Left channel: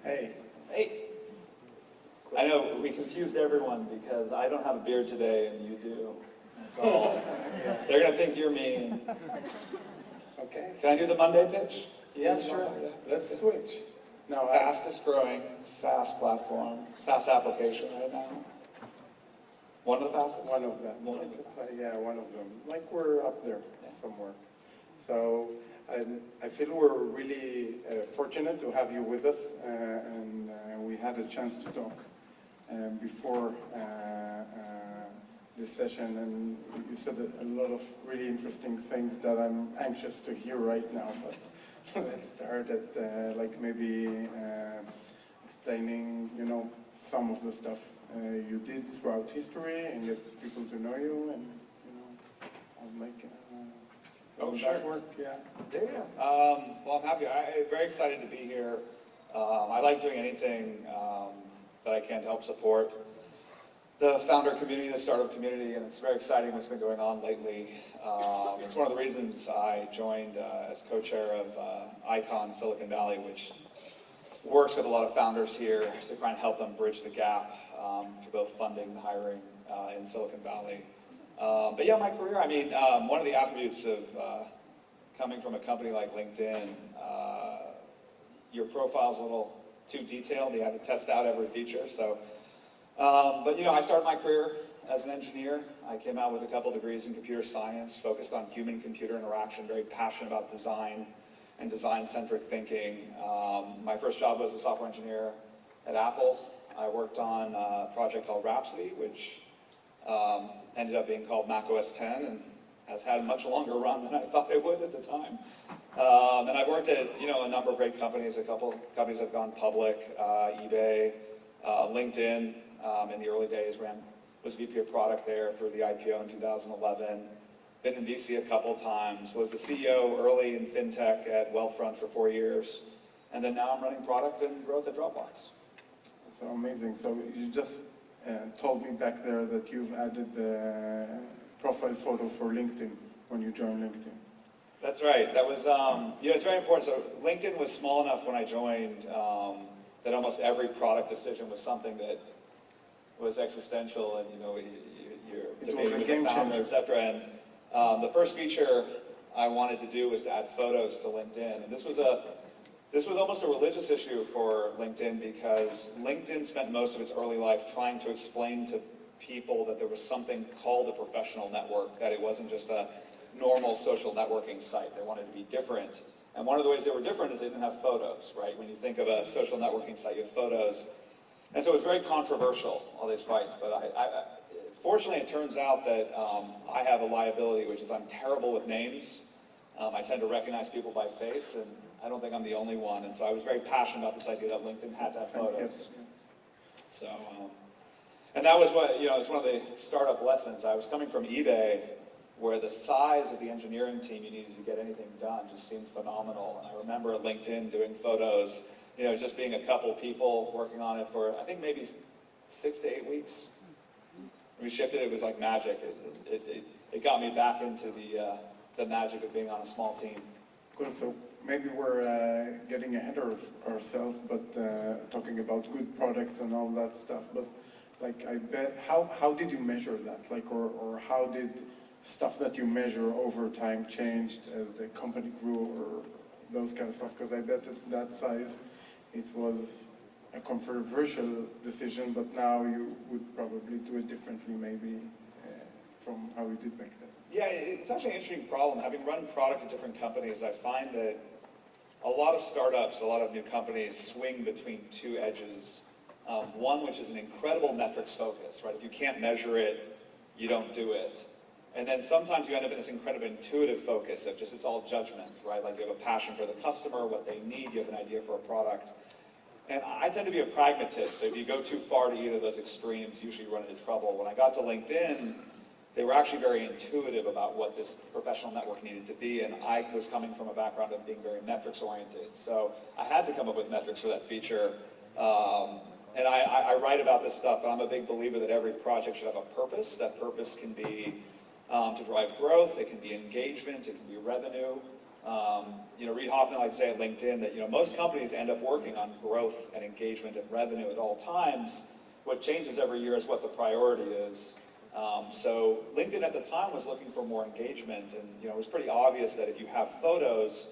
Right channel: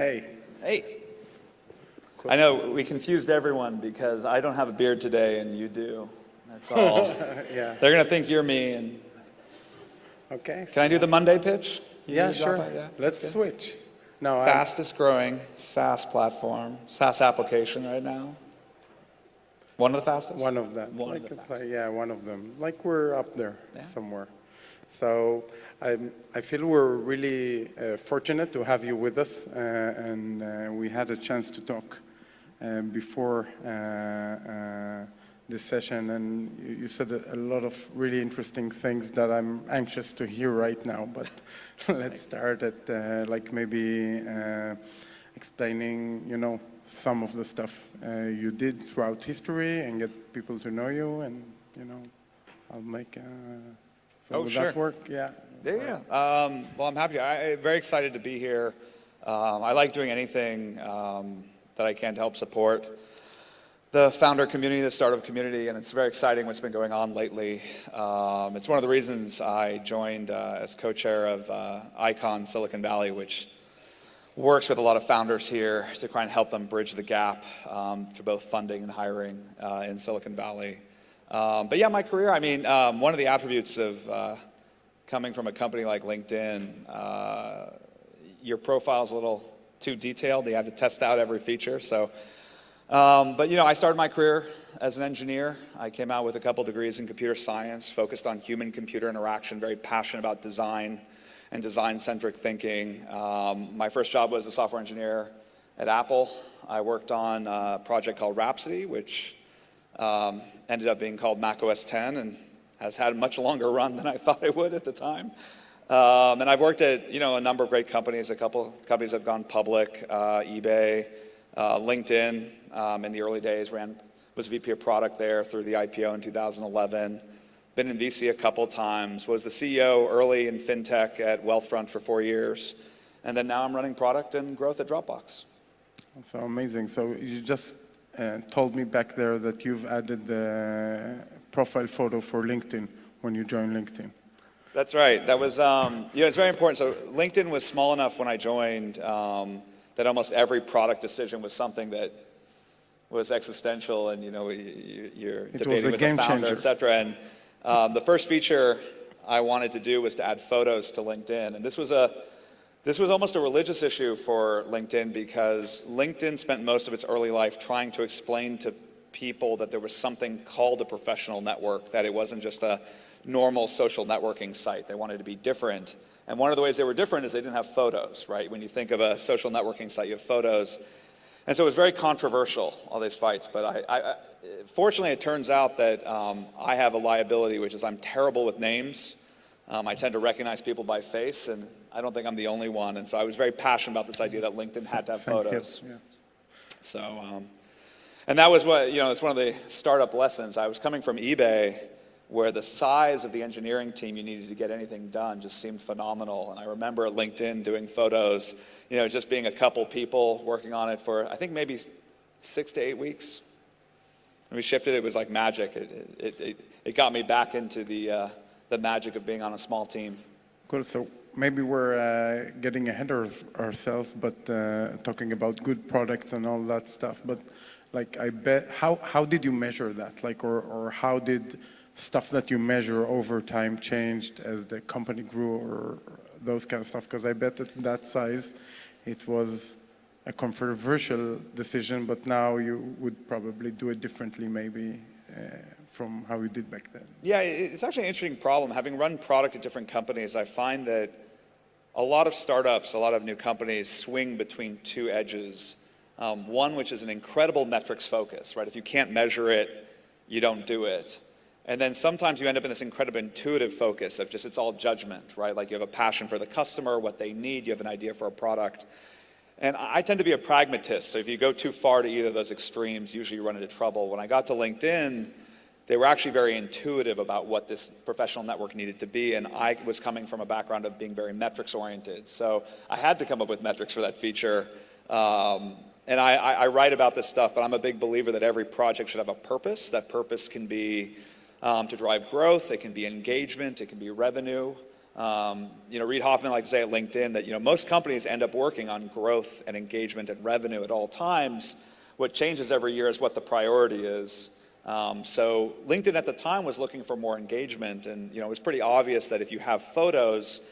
Hey. Hey. Cool. I know we confused everyone because I don't have a beard today and you do. That's all. Yeah. They're going to think you're me. And Okay. Can I do the Monday pitch? Yeah, sure. Let's switch. No, Fastest growing SaaS platform, SaaS application right now. One of the fastest? One of them. One of them. Like we're up there somewhere. So I feel we're really fortunate to have you with us, and we had a chance to talk before this session, and you said a lot of really interesting things that I'm anxious to hear right now. But let's start at like maybe explaining, some of the stuff you did throughout history and get people to know you, and I'll make some of that work. Yeah. Well, I'm happy. I'm very excited to be here. I like doing anything that I can to help support the founder community, the startup community, and it's very exciting what's been going on lately. It's one of the reasons I joined as co-chair of Icon Silicon Valley, which works with a lot of founders here to try and help them bridge the gap for both funding and hiring in Silicon Valley. But yeah, my career, one of the attributes of coming from a company like LinkedIn, your profile's a little too detailed. You have to test out every feature. So, but I started my career as an engineer. I came out with a couple degrees in computer science, focused on human-computer interaction, very passionate about design and design-centric thinking. My first job was a software engineer at Apple. I worked on a project called Rhapsody, which ended up being called Mac OS X and has had a much longer run than I thought it would at the time. And I've worked at a number of great companies. A couple companies have gone public, eBay, LinkedIn in the early days, was VP of product there through the IPO in 2011. Been in VC a couple times, was the CEO early in fintech at Wealthfront for 4 years, and then now I'm running product and growth at Dropbox. So amazing. So you just told me back there that you've added the profile photo for LinkedIn when you joined LinkedIn. That's right. That was, it's very important. So LinkedIn was small enough when I joined that almost every product decision was something that was existential, and you're debating with the founder, et cetera. And the first feature I wanted to do was to add photos to LinkedIn, and this was almost a religious issue for LinkedIn because LinkedIn spent most of its early life trying to explain to people that there was something called a professional network, that it wasn't just a normal social networking site. They wanted to be different. And one of the ways they were different is they didn't have photos, right? When you think of a social networking site, you have photos. And so it was very controversial, all these fights. But fortunately, it turns out that I have a liability, which is I'm terrible with names. I tend to recognize people by face, and I don't think I'm the only one. And so I was very passionate about this idea that LinkedIn had to have photos. Yeah. So, and that was what, it's one of the startup lessons. I was coming from eBay, where the size of the engineering team you needed to get anything done just seemed phenomenal. And I remember at LinkedIn doing photos, just being a couple people working on it for, I think maybe 6 to 8 weeks. And we shipped it, it was like magic. It got me back into the magic of being on a small team. Cool, so maybe we're getting ahead of ourselves, but talking about good products and all that stuff. But like, I bet, how did you measure that? Like, or how did stuff that you measure over time changed as the company grew, or those kind of stuff? Because I bet at that size, it was a controversial decision, but now you would probably do it differently, maybe, from how we did back then. Yeah, it's actually an interesting problem. Having run product at different companies, I find that a lot of startups, a lot of new companies swing between two edges. One, which is an incredible metrics focus, right? If you can't measure it, you don't do it. And then sometimes you end up in this incredible intuitive focus of just, it's all judgment, right? Like you have a passion for the customer, what they need, you have an idea for a product. And I tend to be a pragmatist, so if you go too far to either of those extremes, usually you run into trouble. When I got to LinkedIn, they were actually very intuitive about what this professional network needed to be, and I was coming from a background of being very metrics-oriented. So I had to come up with metrics for that feature. And I write about this stuff, but I'm a big believer that every project should have a purpose. That purpose can be to drive growth, it can be engagement, it can be revenue. Reid Hoffman likes to say at LinkedIn that, most companies end up working on growth and engagement and revenue at all times. What changes every year is what the priority is. So LinkedIn at the time was looking for more engagement, and it was pretty obvious that if you have photos,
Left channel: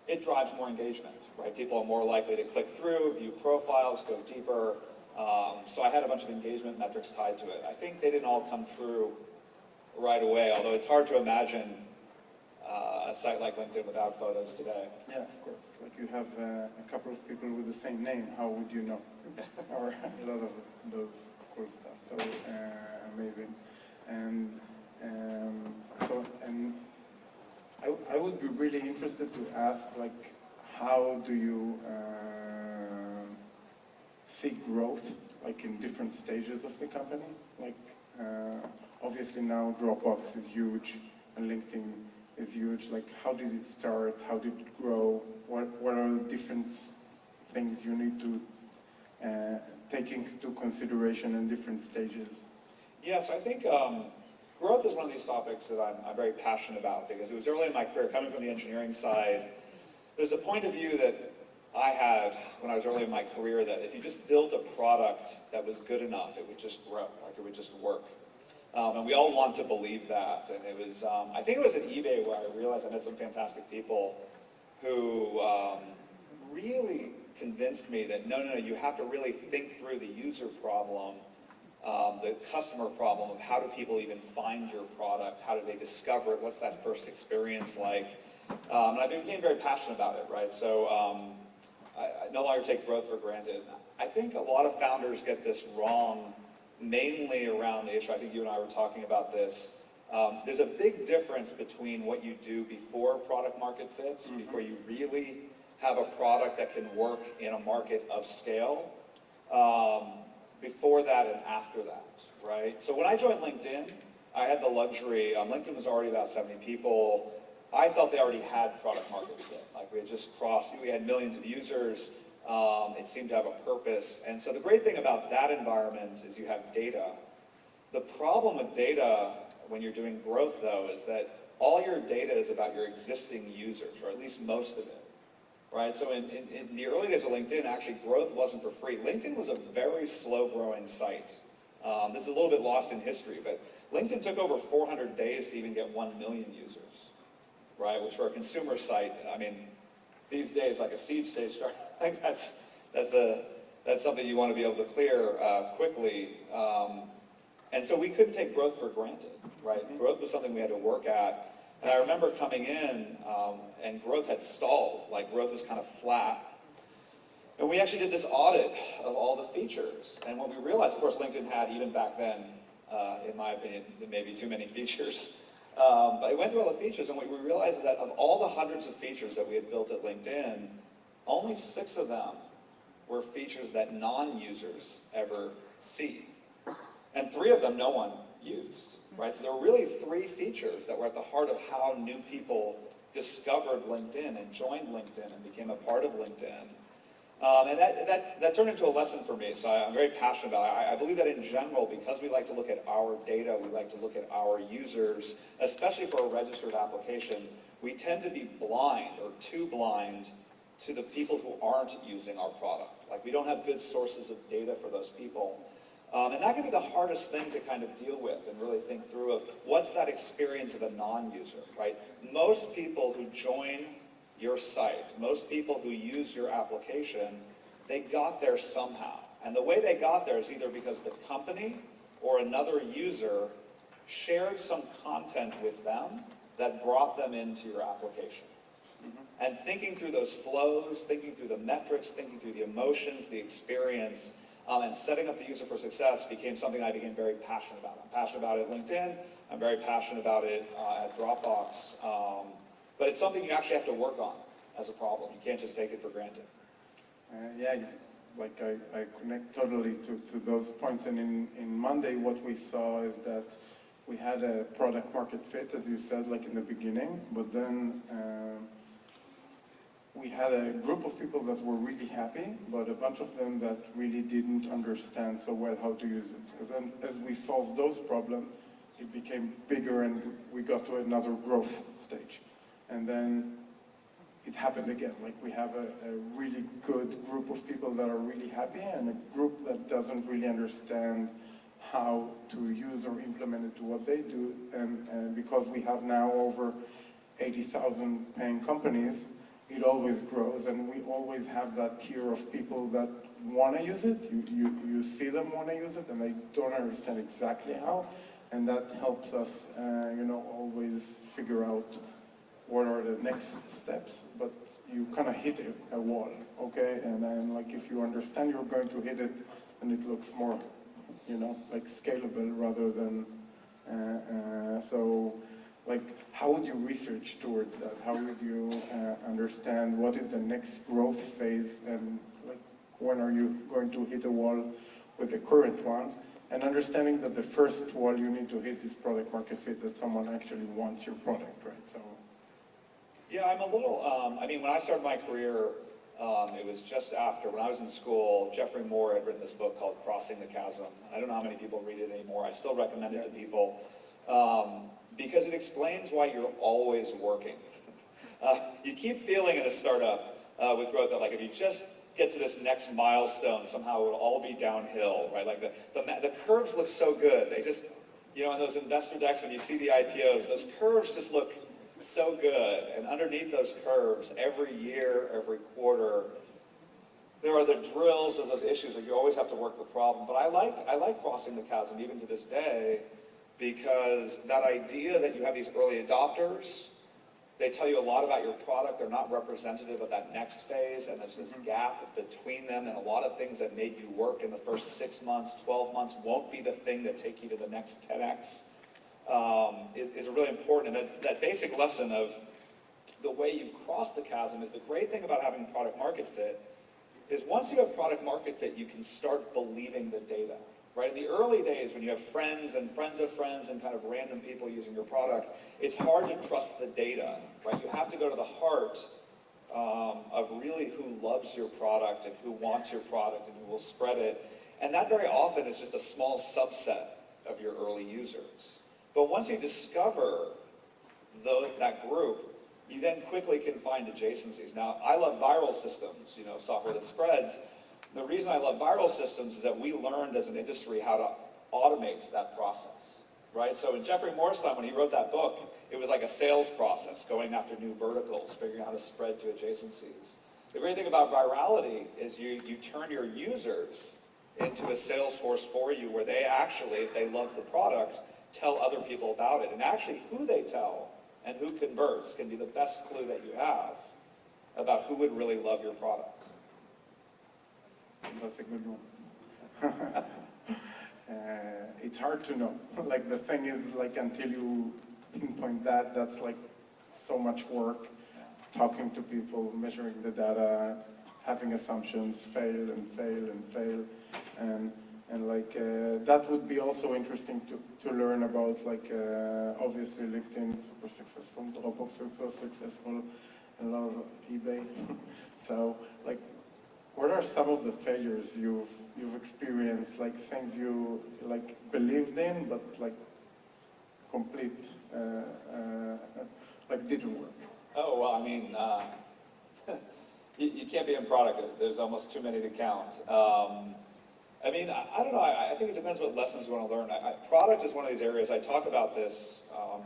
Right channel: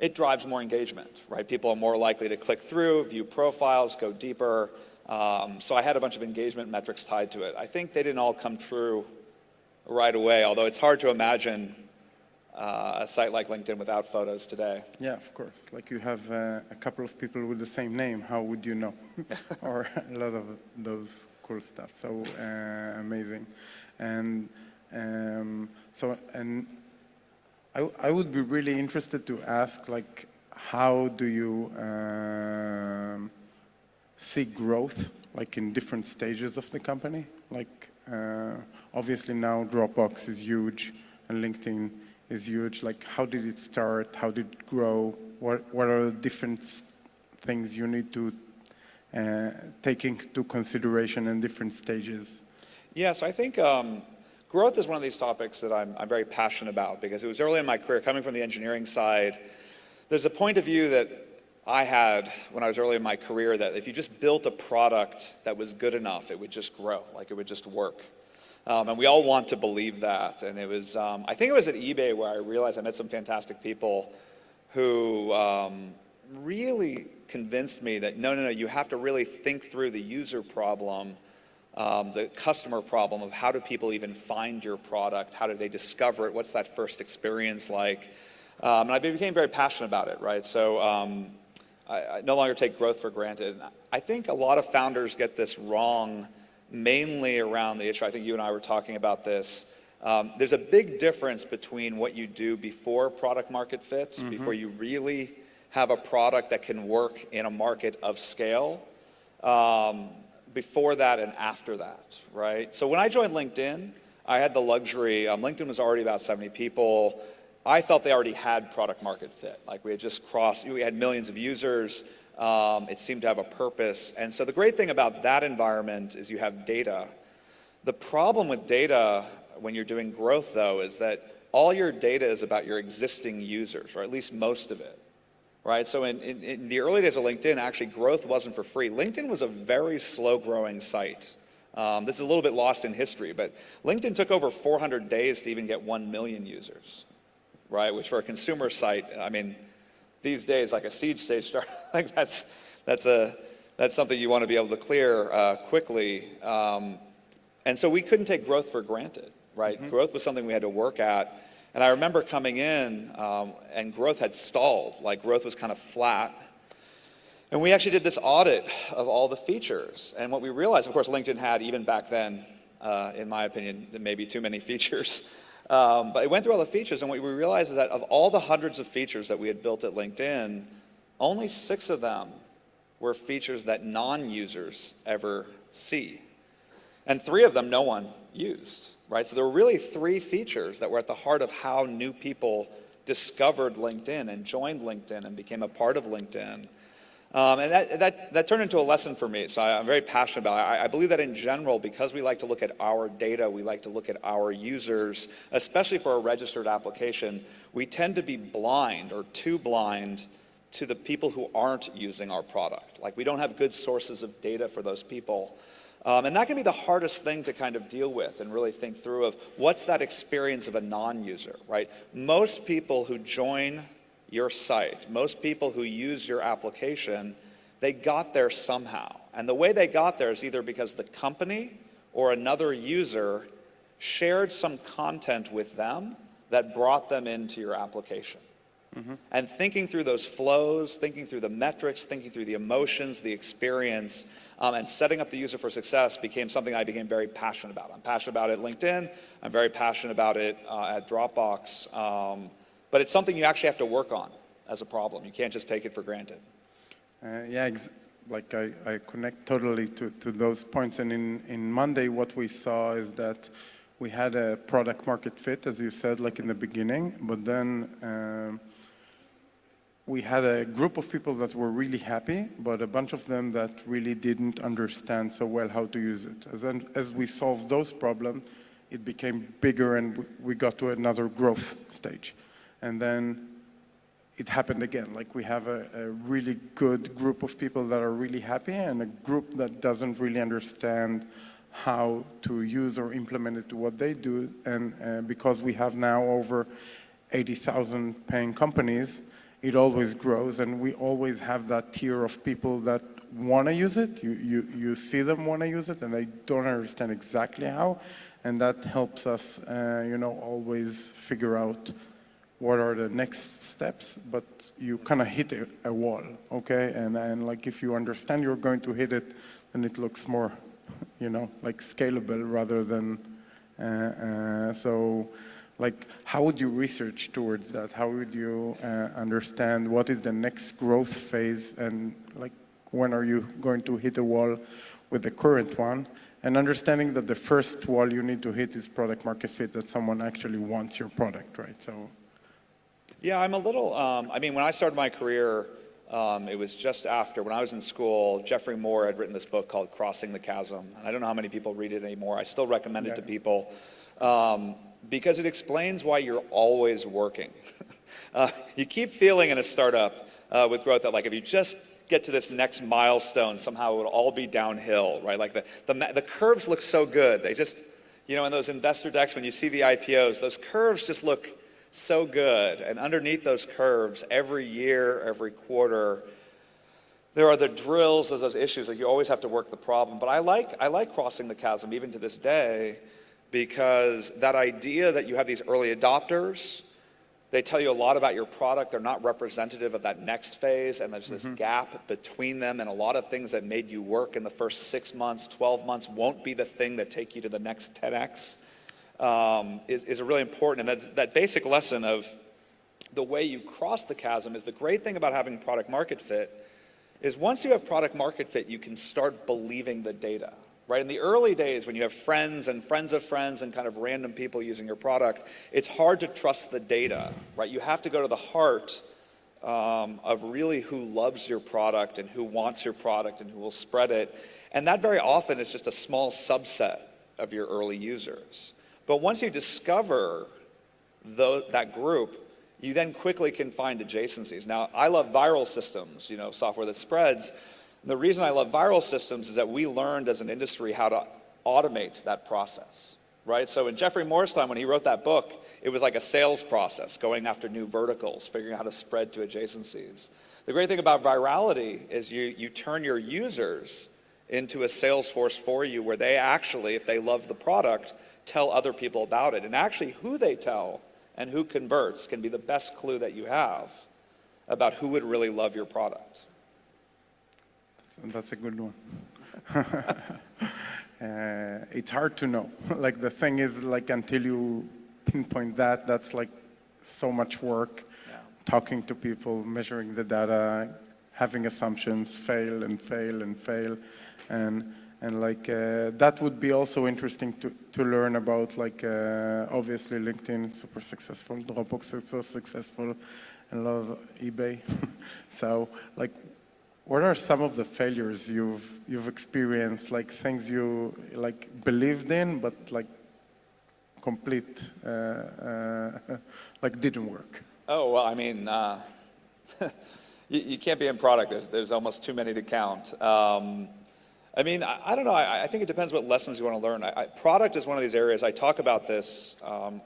it drives more engagement, right? People are more likely to click through, view profiles, go deeper. So I had a bunch of engagement metrics tied to it. I think they didn't all come true right away, although it's hard to imagine a site like LinkedIn without photos today. Yeah, of course. Like you have a couple of people with the same name, how would you know? Or a lot of those cool stuff. So amazing. And I would be really interested to ask, like, how do you see growth, like in different stages of the company? Like, obviously now Dropbox is huge and LinkedIn is huge. Like, how did it start? How did it grow? What are the different things you need to take into consideration in different stages? Yes, I think growth is one of these topics that I'm very passionate about, because it was early in my career, coming from the engineering side. There's a point of view that I had when I was early in my career that if you just built a product that was good enough, it would just grow, like it would just work. And we all want to believe that. And it was, I think it was at eBay where I realized I met some fantastic people who really convinced me that no, you have to really think through the user problem, the customer problem of how do people even find your product, how do they discover it, what's that first experience like. And I became very passionate about it, right? So I no longer take growth for granted. I think a lot of founders get this wrong, mainly around the issue. I think you and I were talking about this. There's a big difference between what you do before product market fit, before you really have a product that can work in a market of scale, before that and after that, right? So when I joined LinkedIn, I had the luxury, LinkedIn was already about 70 people. I felt they already had product market fit. Like we had just crossed, we had millions of users. It seemed to have a purpose. And so the great thing about that environment is you have data. The problem with data when you're doing growth, though, is that all your data is about your existing users, or at least most of it, right? So in the early days of LinkedIn, actually growth wasn't for free. LinkedIn was a very slow-growing site. This is a little bit lost in history, but LinkedIn took over 400 days to even get 1 million users, right? Which for a consumer site, I mean, these days, like a seed stage start, like that's something you want to be able to clear quickly. And so we couldn't take growth for granted, right? Growth was something we had to work at. And I remember coming in and growth had stalled, like growth was kind of flat. And we actually did this audit of all the features. And what we realized, of course, LinkedIn had, even back then, in my opinion, maybe too many features. But it went through all the features, and what we realized is that of all the hundreds of features that we had built at LinkedIn, only 6 of them were features that non-users ever see. And 3 of them no one used, right? So there were really 3 features that were at the heart of how new people discovered LinkedIn and joined LinkedIn and became a part of LinkedIn. And that turned into a lesson for me, so I'm very passionate about it. I believe that in general, because we like to look at our data, we like to look at our users, especially for a registered application, we tend to be blind or too blind to the people who aren't using our product. Like we don't have good sources of data for those people. And that can be the hardest thing to kind of deal with and really think through of what's that experience of a non-user, right? Most people who join your site, most people who use your application, they got there somehow. And the way they got there is either because the company or another user shared some content with them that brought them into your application. And thinking through those flows, thinking through the metrics, thinking through the emotions, the experience, and setting up the user for success became something I became very passionate about. I'm passionate about it at LinkedIn. I'm very passionate about it at Dropbox. But it's something you actually have to work on as a problem. You can't just take it for granted. Like I connect totally to those points. And in Monday, what we saw is that we had a product market fit, as you said, like in the beginning. But then we had a group of people that were really happy, but a bunch of them that really didn't understand so well how to use it. As we solved those problems, it became bigger and we got to another growth stage. and then it happened again. Like we have a really good group of people that are really happy and a group that doesn't really understand how to use or implement it to what they do. And because we have now over 80,000 paying companies, it always grows, and we always have that tier of people that want to use it. You see them want to use it, and they don't understand exactly how, and that helps us, always figure out what are the next steps. But you kind of hit a wall, okay? And then, like, if you understand you're going to hit it, then it looks more, like scalable rather than so. Like, how would you research towards that? How would you understand what is the next growth phase, and like when are you going to hit a wall with the current one? And understanding that the first wall you need to hit is product market fit, that someone actually wants your product, right? So, yeah, I'm a little. When I started my career, it was just after, when I was in school, Jeffrey Moore had written this book called Crossing the Chasm. I don't know how many people read it anymore. I still recommend it to people. Because it explains why you're always working. You keep feeling in a startup with growth that, like, if you just get to this next milestone, somehow it'll all be downhill, right? Like the curves look so good. They just, in those investor decks when you see the IPOs, those curves just look so good. And underneath those curves, every year, every quarter, there are the drills, there's those issues that you always have to work the problem. But I like crossing the chasm even to this day, because that idea that you have these early adopters, they tell you a lot about your product, they're not representative of that next phase, and there's this gap between them, and a lot of things that made you work in the first 6 months, 12 months won't be the thing that take you to the next 10x, is really important. And that basic lesson of the way you cross the chasm is the great thing about having product market fit is once you have product market fit, you can start believing the data. Right? In the early days, when you have friends and friends of friends and kind of random people using your product, it's hard to trust the data, right? You have to go to the heart of really who loves your product and who wants your product and who will spread it. And that very often is just a small subset of your early users. But once you discover that group, you then quickly can find adjacencies. Now, I love viral systems, software that spreads. The reason I love viral systems is that we learned as an industry how to automate that process, right? So in Jeffrey Moore's time, when he wrote that book, it was like a sales process, going after new verticals, figuring out how to spread to adjacencies. The great thing about virality is you turn your users into a sales force for you, where they actually, if they love the product, tell other people about it. And actually who they tell and who converts can be the best clue that you have about who would really love your product. that's a good one. It's hard to know. Like, the thing is, like, until you pinpoint that, that's like so much work, talking to people, measuring the data, having assumptions, fail and fail and fail. And like, that would be also interesting to learn about, like, obviously LinkedIn, super successful, Dropbox, super successful, and a lot of eBay. So, like, what are some of the failures you've experienced, like things you like believed in, but like complete, like didn't work? Oh, well, you can't be in product. There's almost too many to count. I don't know. I think it depends what lessons you want to learn. Product is one of these areas. I talk about this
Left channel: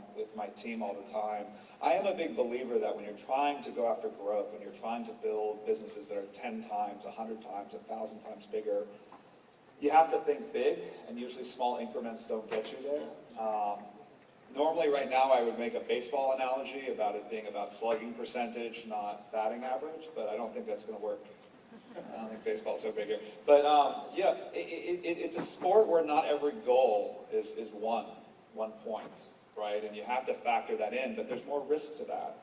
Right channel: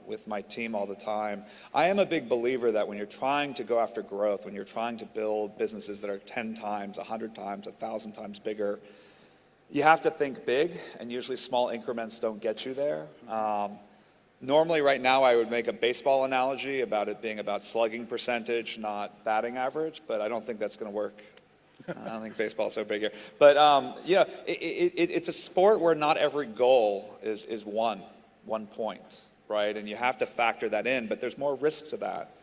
with my team all the time. I am a big believer that when you're trying to go after growth, when you're trying to build businesses that are 10 times, 100 times, 1,000 times bigger, you have to think big, and usually small increments don't get you there. Normally, right now, I would make a baseball analogy about it being about slugging percentage, not batting average, but I don't think that's going to work. I don't think baseball's so big here. But, it's a sport where not every goal is one point, right? And you have to factor that in, but there's more risk to that.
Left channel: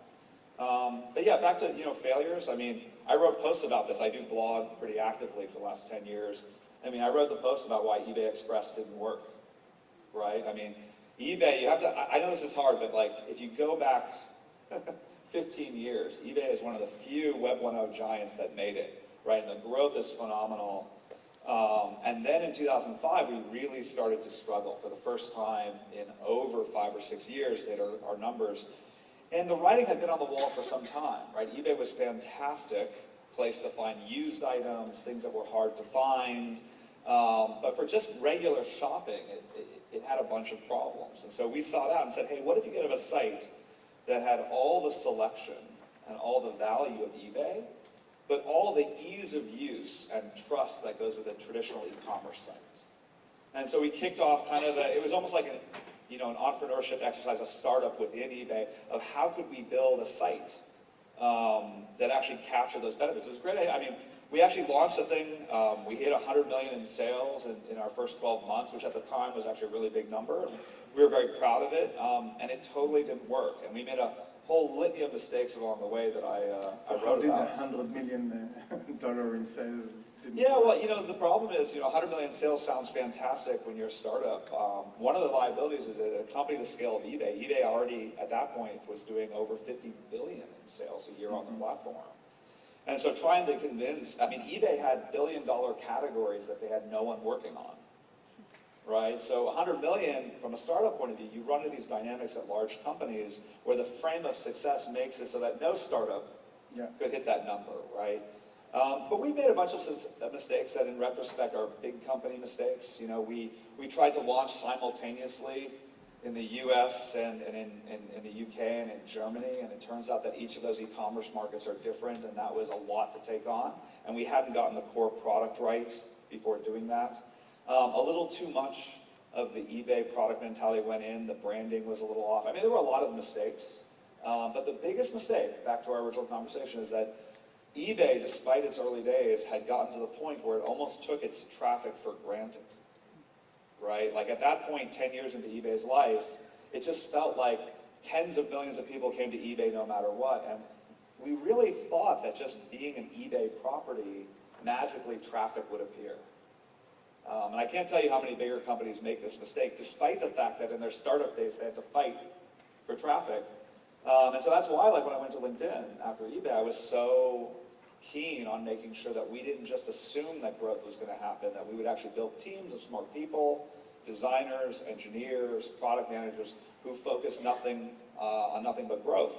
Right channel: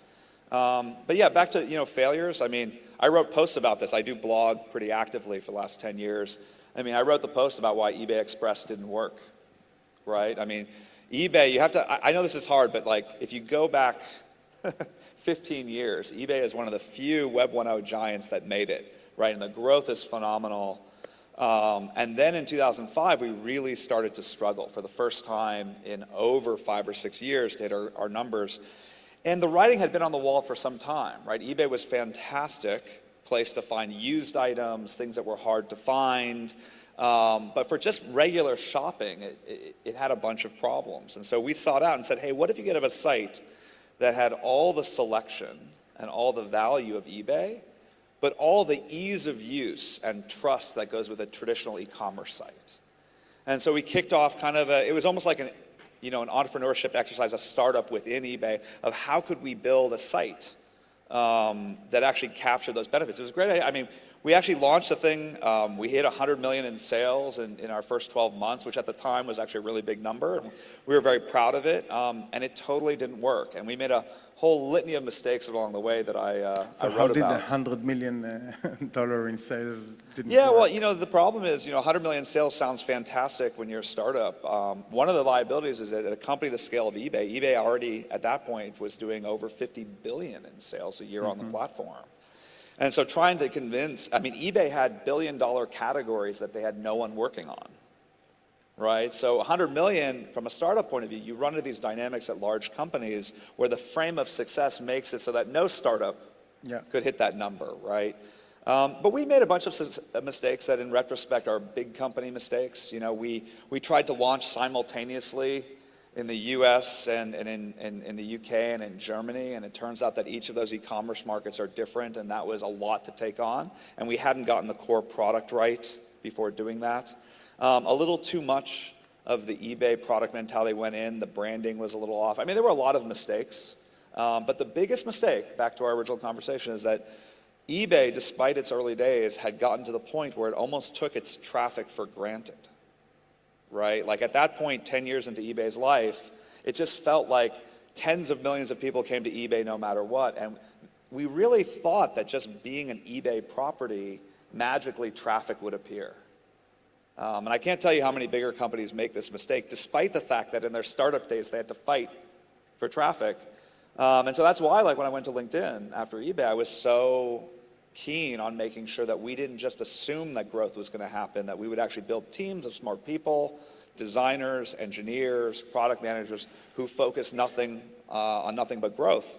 But yeah, back to, failures. I wrote posts about this. I do blog pretty actively for the last 10 years. I wrote the post about why eBay Express didn't work, right? eBay, you have to, I know this is hard, but like, if you go back 15 years, eBay is one of the few Web 1.0 giants that made it. Right, and the growth is phenomenal. And then in 2005, we really started to struggle for the first time in over 5 or 6 years to hit our numbers. And the writing had been on the wall for some time, right? eBay was fantastic place to find used items, things that were hard to find. But for just regular shopping, it had a bunch of problems. And so we sought out and said, hey, what if you could have a site that had all the selection and all the value of eBay, but all the ease of use and trust that goes with a traditional e-commerce site? And so we kicked off kind of it was almost like an entrepreneurship exercise, a startup within eBay of how could we build a site that actually captured those benefits. It was a great idea. I mean, we actually launched the thing. We hit 100 million in sales in our first 12 months, which at the time was actually a really big number. And we were very proud of it, and it totally didn't work. And we made a whole litany of mistakes along the way that I So wrote how did about. $100 million dollar in sales didn't Yeah, work? well, the problem is, 100 million sales sounds fantastic when you're a startup. One of the liabilities is that at a company the scale of eBay already at that point was doing over 50 billion in sales a year on the platform. And so trying to convince, eBay had billion-dollar categories that they had no one working on, right? So 100 million, from a startup point of view, you run into these dynamics at large companies where the frame of success makes it so that no startup could hit that number, right? But we made a bunch of mistakes that in retrospect are big company mistakes. We tried to launch simultaneously in the US and in the UK and in Germany, and it turns out that each of those e-commerce markets are different, and that was a lot to take on, and we hadn't gotten the core product right before doing that. A little too much of the eBay product mentality went in, the branding was a little off. There were a lot of mistakes, but the biggest mistake, back to our original conversation, is that eBay, despite its early days, had gotten to the point where it almost took its traffic for granted. Right? Like at that point, 10 years into eBay's life, it just felt like tens of millions of people came to eBay no matter what. And we really thought that just being an eBay property, magically traffic would appear. And I can't tell you how many bigger companies make this mistake, despite the fact that in their startup days they had to fight for traffic. And so that's why, when I went to LinkedIn after eBay, I was so keen on making sure that we didn't just assume that growth was going to happen, that we would actually build teams of smart people, designers, engineers, product managers who focus on nothing but growth.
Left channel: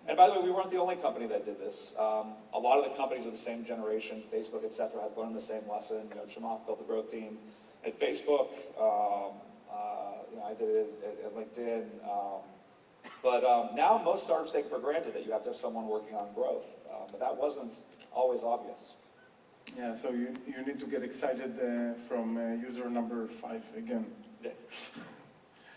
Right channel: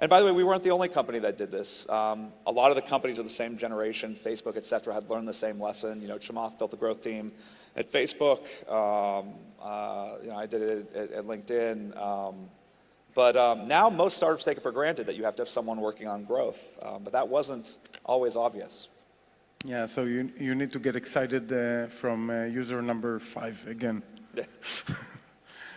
And by the way, we weren't the only company that did this. A lot of the companies of the same generation, Facebook, et cetera, had learned the same lesson. Chamath built a growth team at Facebook. I did it at LinkedIn. But now most startups take it for granted that you have to have someone working on growth. But that wasn't always obvious. Yeah, so you need to get excited from user number 5 again.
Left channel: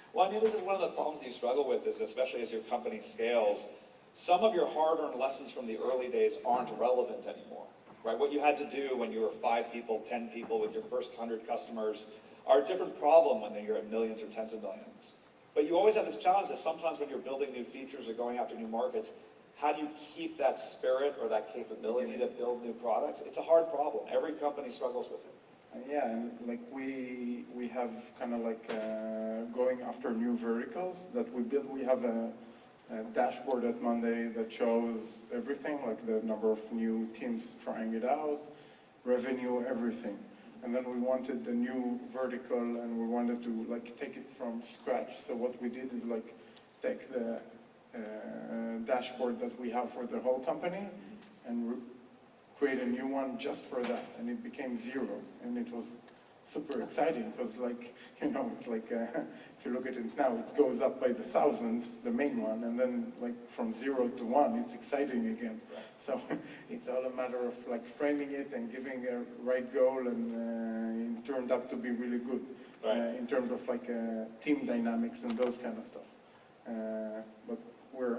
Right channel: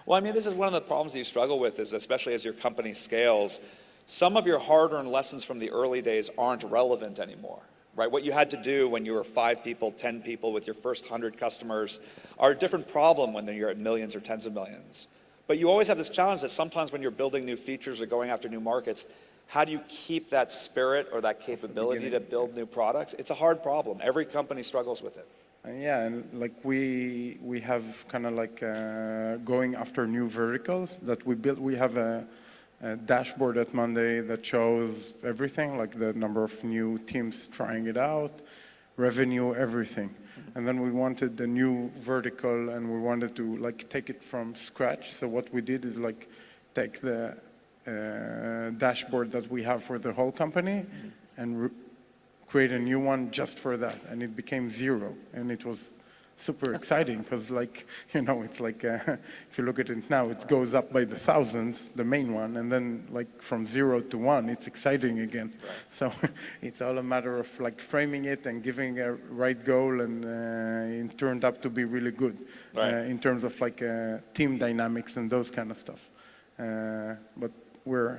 Well, this is one of the problems that you struggle with, is especially as your company scales, some of your hard-earned lessons from the early days aren't relevant anymore, right? What you had to do when you were 5 people, 10 people with your first 100 customers are a different problem when you're at millions or tens of millions. But you always have this challenge that sometimes when you're building new features or going after new markets, how do you keep that spirit or that capability to build new products? It's a hard problem. Every company struggles with it. Yeah, and we have kind of going after new verticals that we built. We have a dashboard at Monday that shows everything, like the number of new teams trying it out, revenue, everything. And then we wanted the new vertical, and we wanted to take it from scratch. So what we did is take the dashboard that we have for the whole company and create a new one just for that, and it became 0, and it was super exciting because it's if you look at it now, it goes up by the thousands, the main one, and then from 0 to 1, it's exciting again. So it's all a matter of framing it and giving a right goal, and it turned up to be really good in terms of team dynamics and those kind of stuff. But we're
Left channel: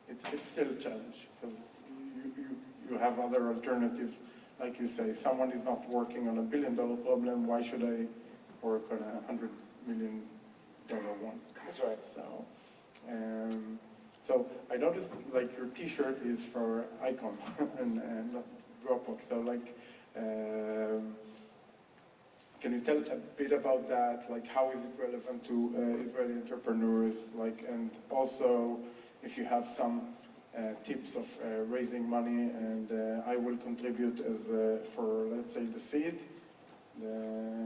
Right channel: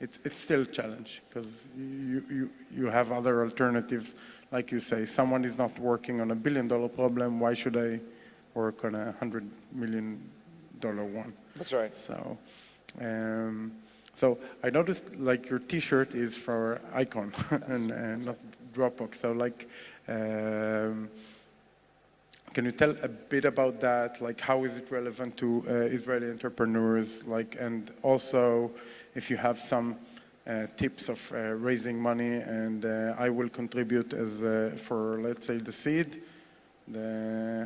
it's still a challenge because you have other alternatives. Like you say, someone is not working on $1 billion problem. Why should I work on a $100 million one? That's right. So I noticed your T-shirt is for Icon and not Dropbox. So can you tell a bit about that? How is it relevant to Israeli entrepreneurs? And also, if you have some tips of raising money, and I will contribute as for, let's say, the seed,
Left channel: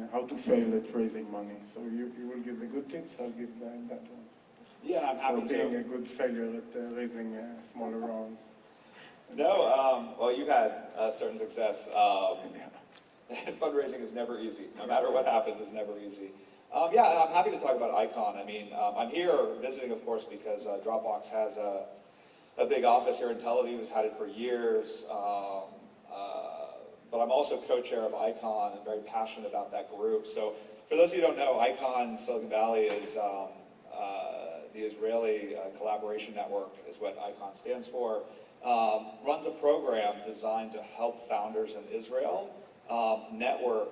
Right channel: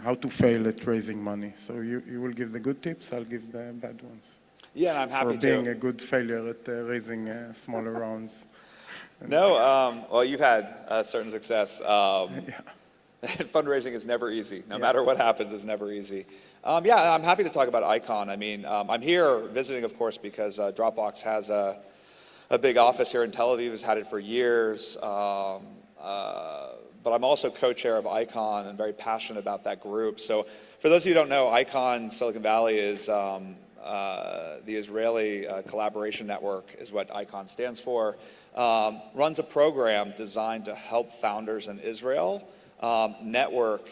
how to fail at raising money. So you will give the good tips, I'll give the bad ones. Yeah, and I'm for happy being to. a good failure at raising smaller rounds. No, well, you've had certain success. Yeah. Fundraising is never easy. No matter what happens, it's never easy. Yeah, I'm happy to talk about Icon. I mean, I'm here visiting, of course, because Dropbox has a big office here in Tel Aviv, has had it for years. But I'm also co-chair of Icon and very passionate about that group. So for those of you who don't know, Icon Silicon Valley is the Israeli Collaboration Network is what Icon stands for. Runs a program designed to help founders in Israel network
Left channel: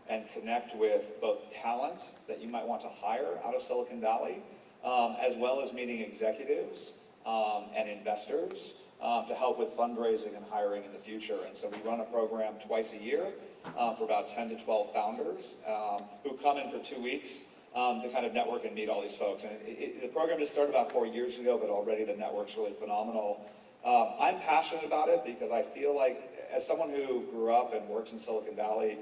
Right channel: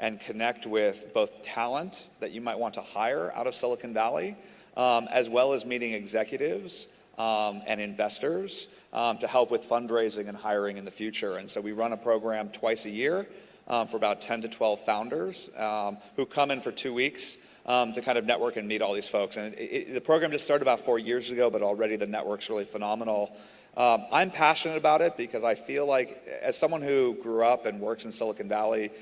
and connect with both talent that you might want to hire out of Silicon Valley, as well as meeting executives and investors to help with fundraising and hiring in the future. And so we run a program twice a year for about 10 to 12 founders who come in for 2 weeks to kind of network and meet all these folks. And the program just started about 4 years ago, but already the network's really phenomenal. I'm passionate about it because I feel like, as someone who grew up and works in Silicon Valley,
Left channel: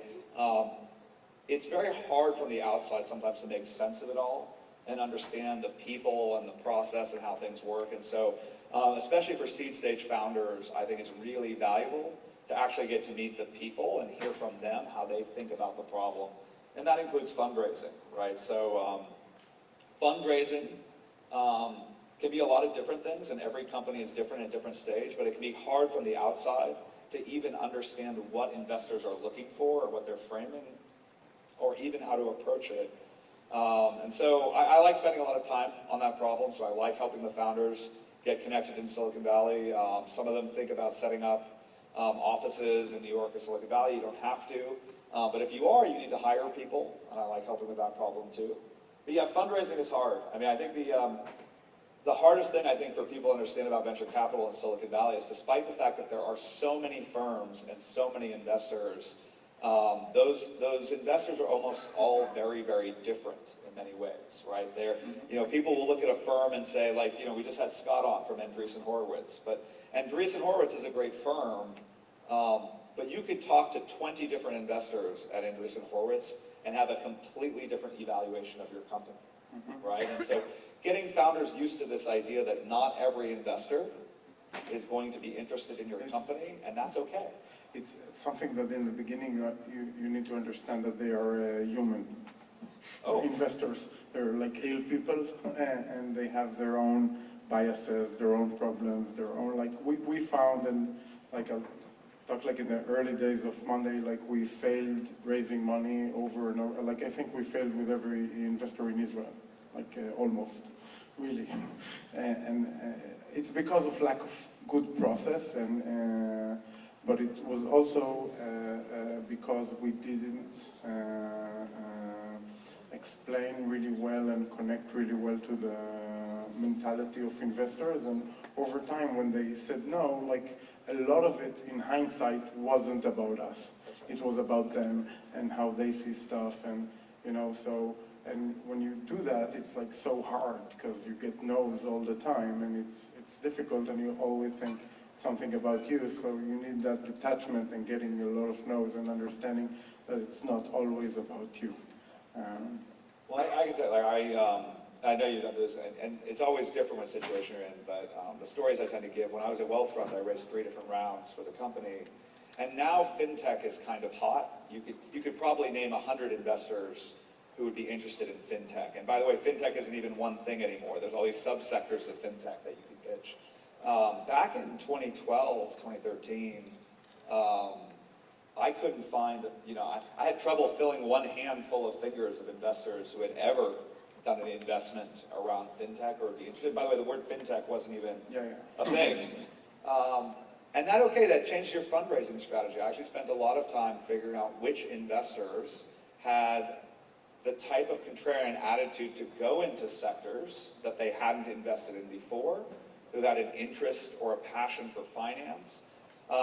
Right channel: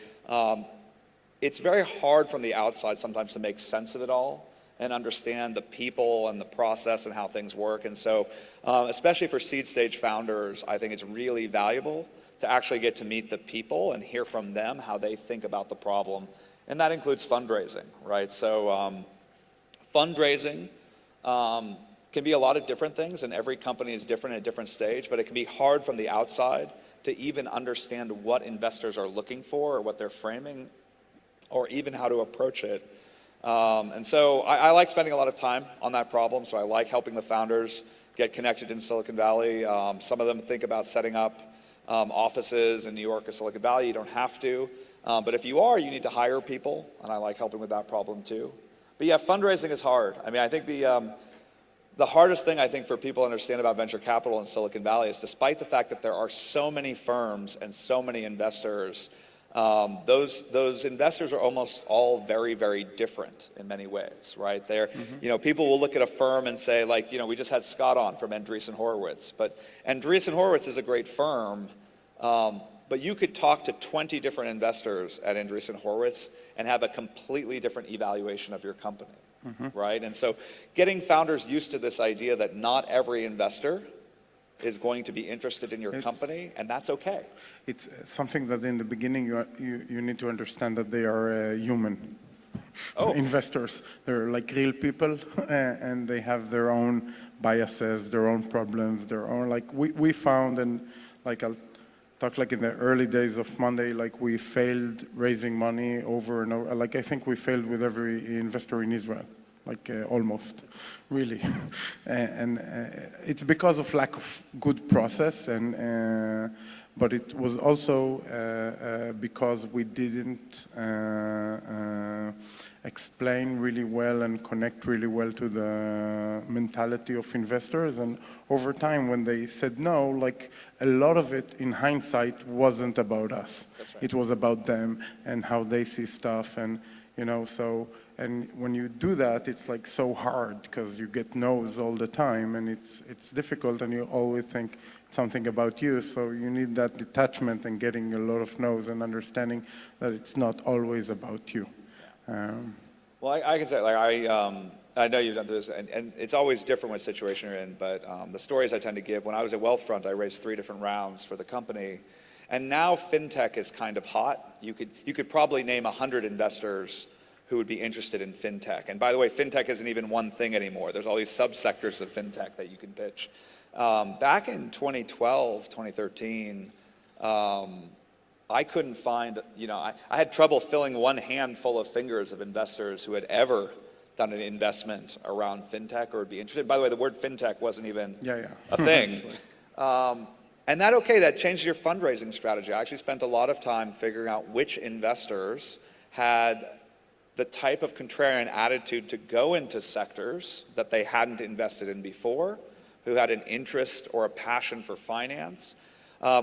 it's very hard from the outside sometimes to make sense of it all and understand the people and the process and how things work. And so, especially for seed stage founders, I think it's really valuable to actually get to meet the people and hear from them how they think about the problem. And that includes fundraising, right? So fundraising can be a lot of different things, and every company is different at a different stage, but it can be hard from the outside to even understand what investors are looking for or what they're framing, or even how to approach it. And so I like spending a lot of time on that problem, so I like helping the founders get connected in Silicon Valley. Some of them think about setting up offices in New York or Silicon Valley. You don't have to. But if you are, you need to hire people, and I like helping with that problem too. But yeah, fundraising is hard. I mean, I think the hardest thing I think for people to understand about venture capital in Silicon Valley is, despite the fact that there are so many firms and so many investors, those investors are almost all very, very different in many ways, right? They're, people will look at a firm and say, like, we just had Scott on from Andreessen Horowitz, but Andreessen Horowitz is a great firm, but you could talk to 20 different investors at Andreessen Horowitz and have a completely different evaluation of your company, right? And so getting founders used to this idea that not every investor is going to be interested in your company, and that's okay. It's something that in the beginning you need to understand that they are human investors. They're like real people, and they have their own biases, their own problems, their own, like we found, and like I'll talk, like in the early days of Monday, like we failed raising money over and over. Like I think we failed with every investor in Israel, like almost, really. And it's because of lack of good process, and but it was also because we didn't explain really well and connect really well to the mentality of investors. And over time, when they said no, like a lot of it in hindsight wasn't about us. It was about them and how they see stuff, and so, and when you do that, it's like so hard because you get no's all the time, and it's difficult, and you always think something about you, so you need that detachment and getting a lot of no's and understanding that it's not always about you. Well, I can say, like, I know you've done this, and it's always different what situation you're in, but the stories I tend to give, when I was at Wealthfront, I raised 3 different rounds for the company, and now fintech is kind of hot. You could probably name 100 investors who would be interested in fintech. And by the way, fintech isn't even one thing anymore. There's all these subsectors of fintech that you can pitch. Back in 2012, 2013, I couldn't find, I had trouble filling one handful of fingers of investors who had ever done an investment around fintech or would be interested. By the way, the word fintech wasn't even a thing. And that changed your fundraising strategy. I actually spent a lot of time figuring out which investors had the type of contrarian attitude to go into sectors that they hadn't invested in before, who had an interest or a passion for finance,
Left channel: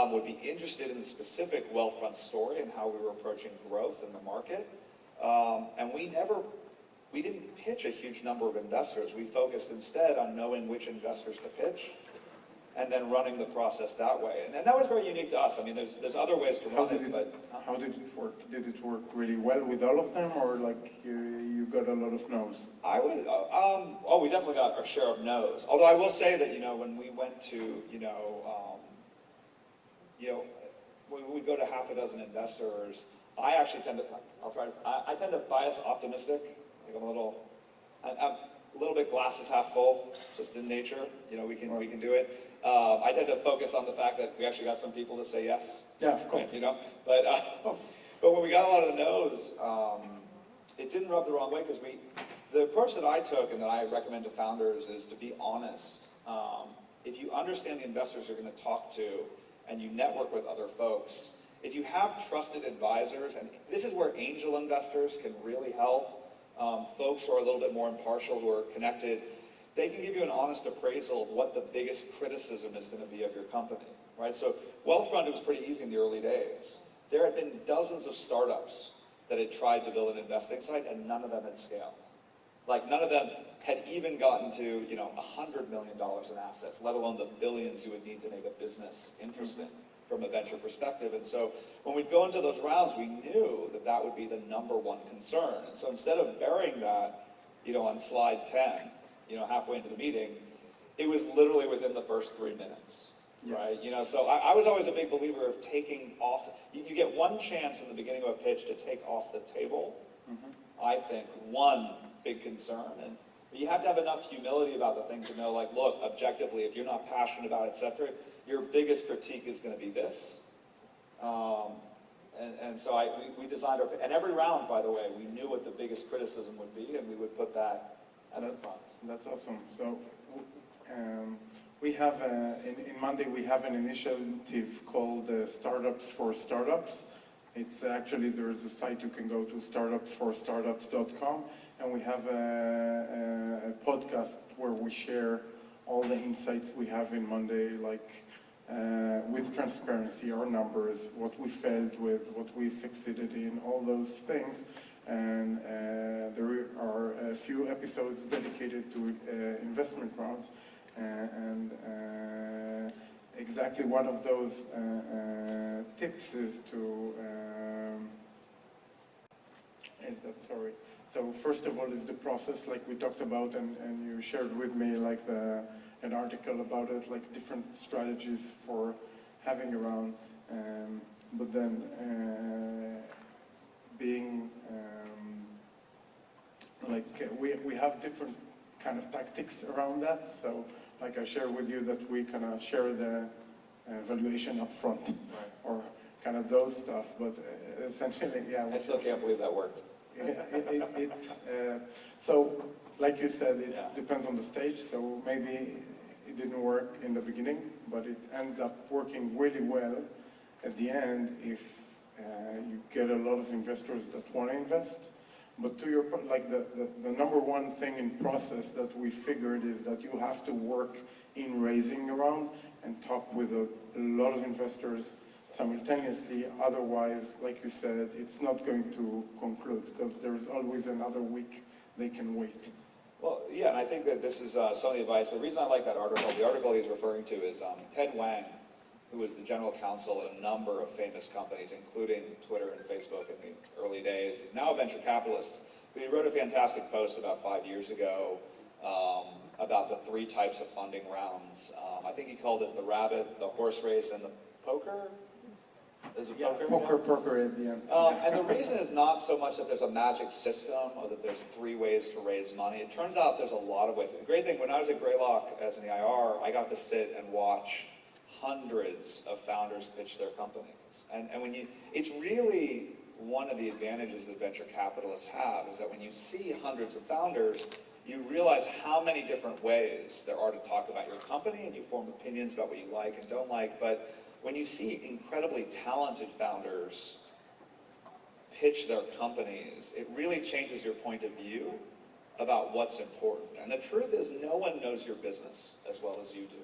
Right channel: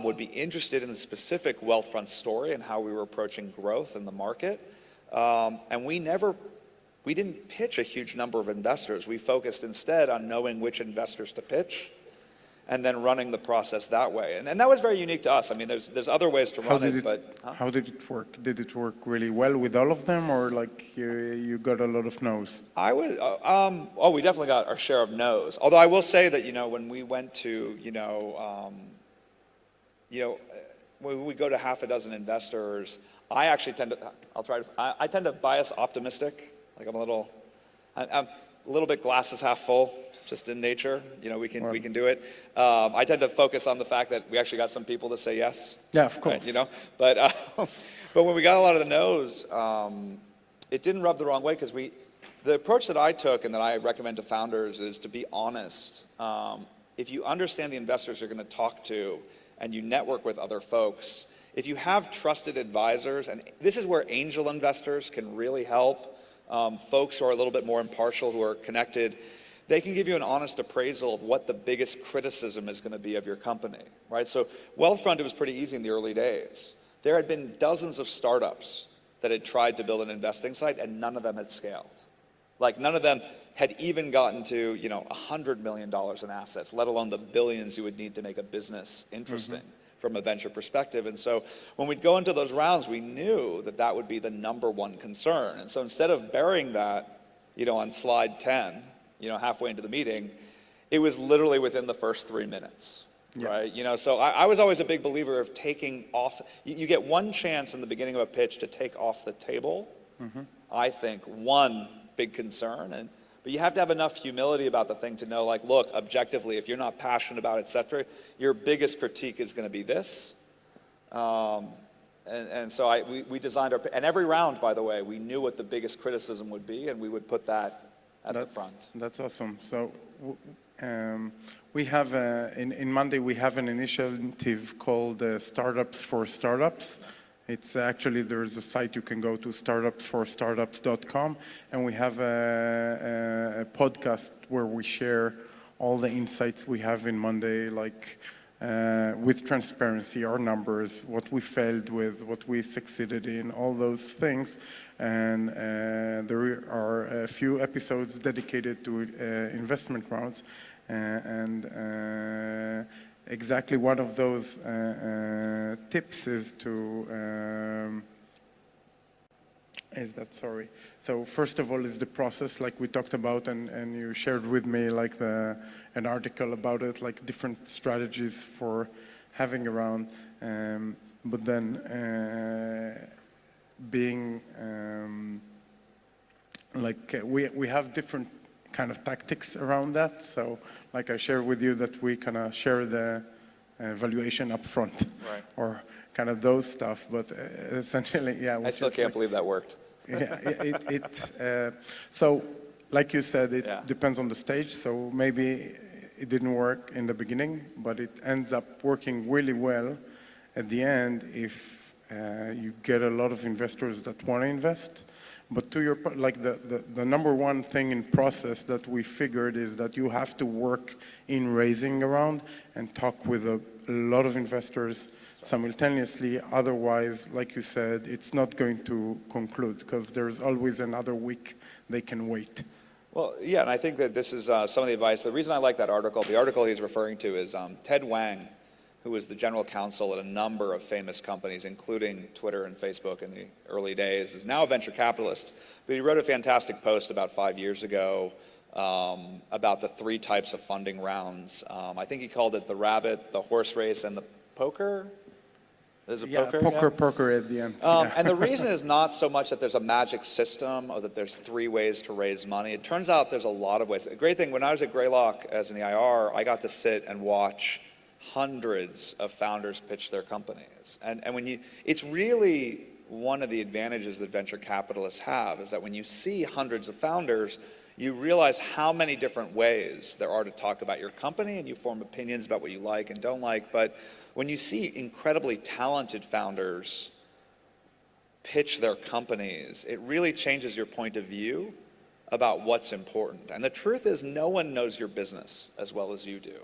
would be interested in the specific Wealthfront story and how we were approaching growth in the market. And we didn't pitch a huge number of investors. We focused instead on knowing which investors to pitch and then running the process that way. And that was very unique to us. I mean, there's other ways to run it, but... How did it work? Did it work really well with all of them, or like you got a lot of no's? I would, we definitely got our share of no's. Although I will say that, when we went to, when we go to half a dozen investors, I actually tend to, I tend to bias optimistic. Like I'm a little bit glasses half full, just in nature. We can do it. I tend to focus on the fact that we actually got some people to say yes. Yeah, of course. Right, but when we got a lot of the no's, it didn't rub the wrong way because the approach that I took and that I recommend to founders is to be honest. If you understand the investors you're going to talk to and you network with other folks, if you have trusted advisors, and this is where angel investors can really help, folks who are a little bit more impartial, who are connected, they can give you an honest appraisal of what the biggest criticism is going to be of your company, right? So Wealthfront, it was pretty easy in the early days. There had been dozens of startups that had tried to build an investing site, and none of them had scaled. Like none of them had even gotten to, $100 million in assets, let alone the billions you would need to make a business interesting from a venture perspective. And so when we'd go into those rounds, we knew that would be the number one concern. And so instead of burying that, on slide 10, halfway into the meeting, it was literally within the first 3 minutes, right? So I was always a big believer of taking off. You get one chance in the beginning of a pitch to take off the table, I think, one big concern. But you have to have enough humility about the thing to know, like, look, objectively, if you're not passionate about it, et cetera, your biggest critique is going to be this. And so we designed and every round, by the way, we knew what the biggest criticism would be, and we would put that at the front. That's awesome. So we have, in Monday, we have an initiative called Startups for Startups. It's actually, there's a site you can go to, startupsforstartups.com, and we have a podcast where we share all the insights we have in Monday, like with transparency, our numbers, what we failed with, what we succeeded in, all those things. And there are a few episodes dedicated to investment rounds, and exactly one of those tips is So first of all is the process, like we talked about, and you shared with me like an article about it, like different strategies for having around, but then being we have different kind of tactics around that. So like I shared with you that we kind of share the valuation up front, right, or kind of those stuff, but essentially, yeah. I still can't believe that worked. Yeah, so like you said, it depends on the stage, so maybe it didn't work in the beginning, but it ends up working really well at the end if you get a lot of investors that want to invest. But to your point, like the number one thing in process that we figured is that you have to work in raising a round and talk with a lot of investors simultaneously. Otherwise, like you said, it's not going to conclude because there's always another week they can wait. Well, yeah, and I think that this is some of the advice. The reason I like that article, the article he's referring to is Ted Wang, who was the general counsel at a number of famous companies, including Twitter and Facebook in the early days, is now a venture capitalist. But he wrote a fantastic post about 5 years ago about the 3 types of funding rounds. I think he called it the rabbit, the horse race, and the poker. Is it poker? Poker at the end. And the reason is not so much that there's a magic system or that there's 3 ways to raise money. It turns out there's a lot of ways. The great thing, when I was at Greylock as an EIR, I got to sit and watch hundreds of founders pitch their companies. And when it's really one of the advantages that venture capitalists have is that when you see hundreds of founders, you realize how many different ways there are to talk about your company, and you form opinions about what you like and don't like. But when you see incredibly talented founders pitch their companies, it really changes your point of view about what's important. And the truth is, no one knows your business as well as you do.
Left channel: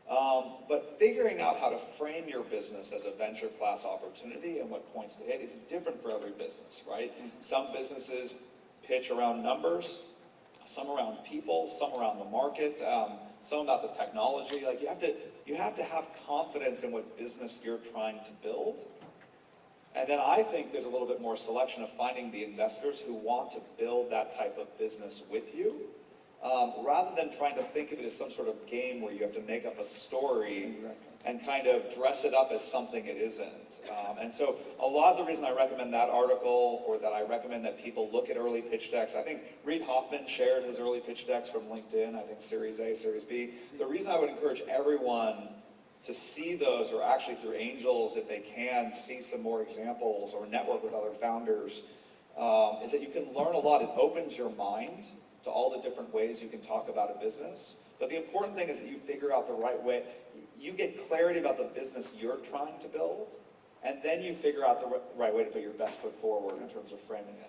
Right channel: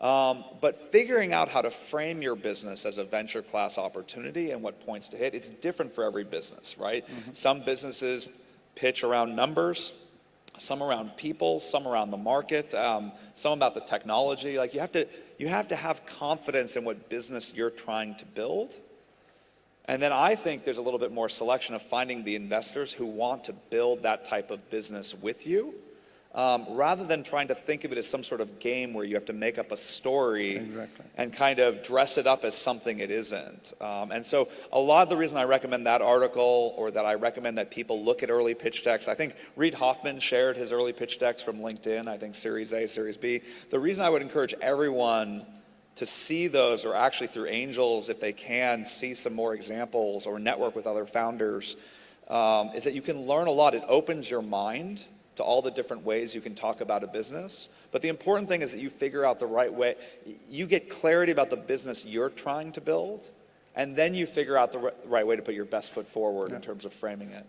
But figuring out how to frame your business as a venture class opportunity and what points to hit, it's different for every business, right? Mm-hmm. Some businesses pitch around numbers. some around people, some around the market, some about the technology. Like you have to have confidence in what business you're trying to build. And then I think there's a little bit more selection of finding the investors who want to build that type of business with you, rather than trying to think of it as some sort of game where you have to make up a story and kind of dress it up as something it isn't. And so a lot of the reason I recommend that article, or that I recommend that people look at early pitch decks, I think Reid Hoffman shared his early pitch decks from LinkedIn, I think Series A, Series B. The reason I would encourage everyone to see those, or actually through angels, if they can, see some more examples or network with other founders, is that you can learn a lot. It opens your mind to all the different ways you can talk about a business. But the important thing is that you figure out the right way. You get clarity about the business you're trying to build, and then you figure out the right way to put your best foot forward in terms of framing it.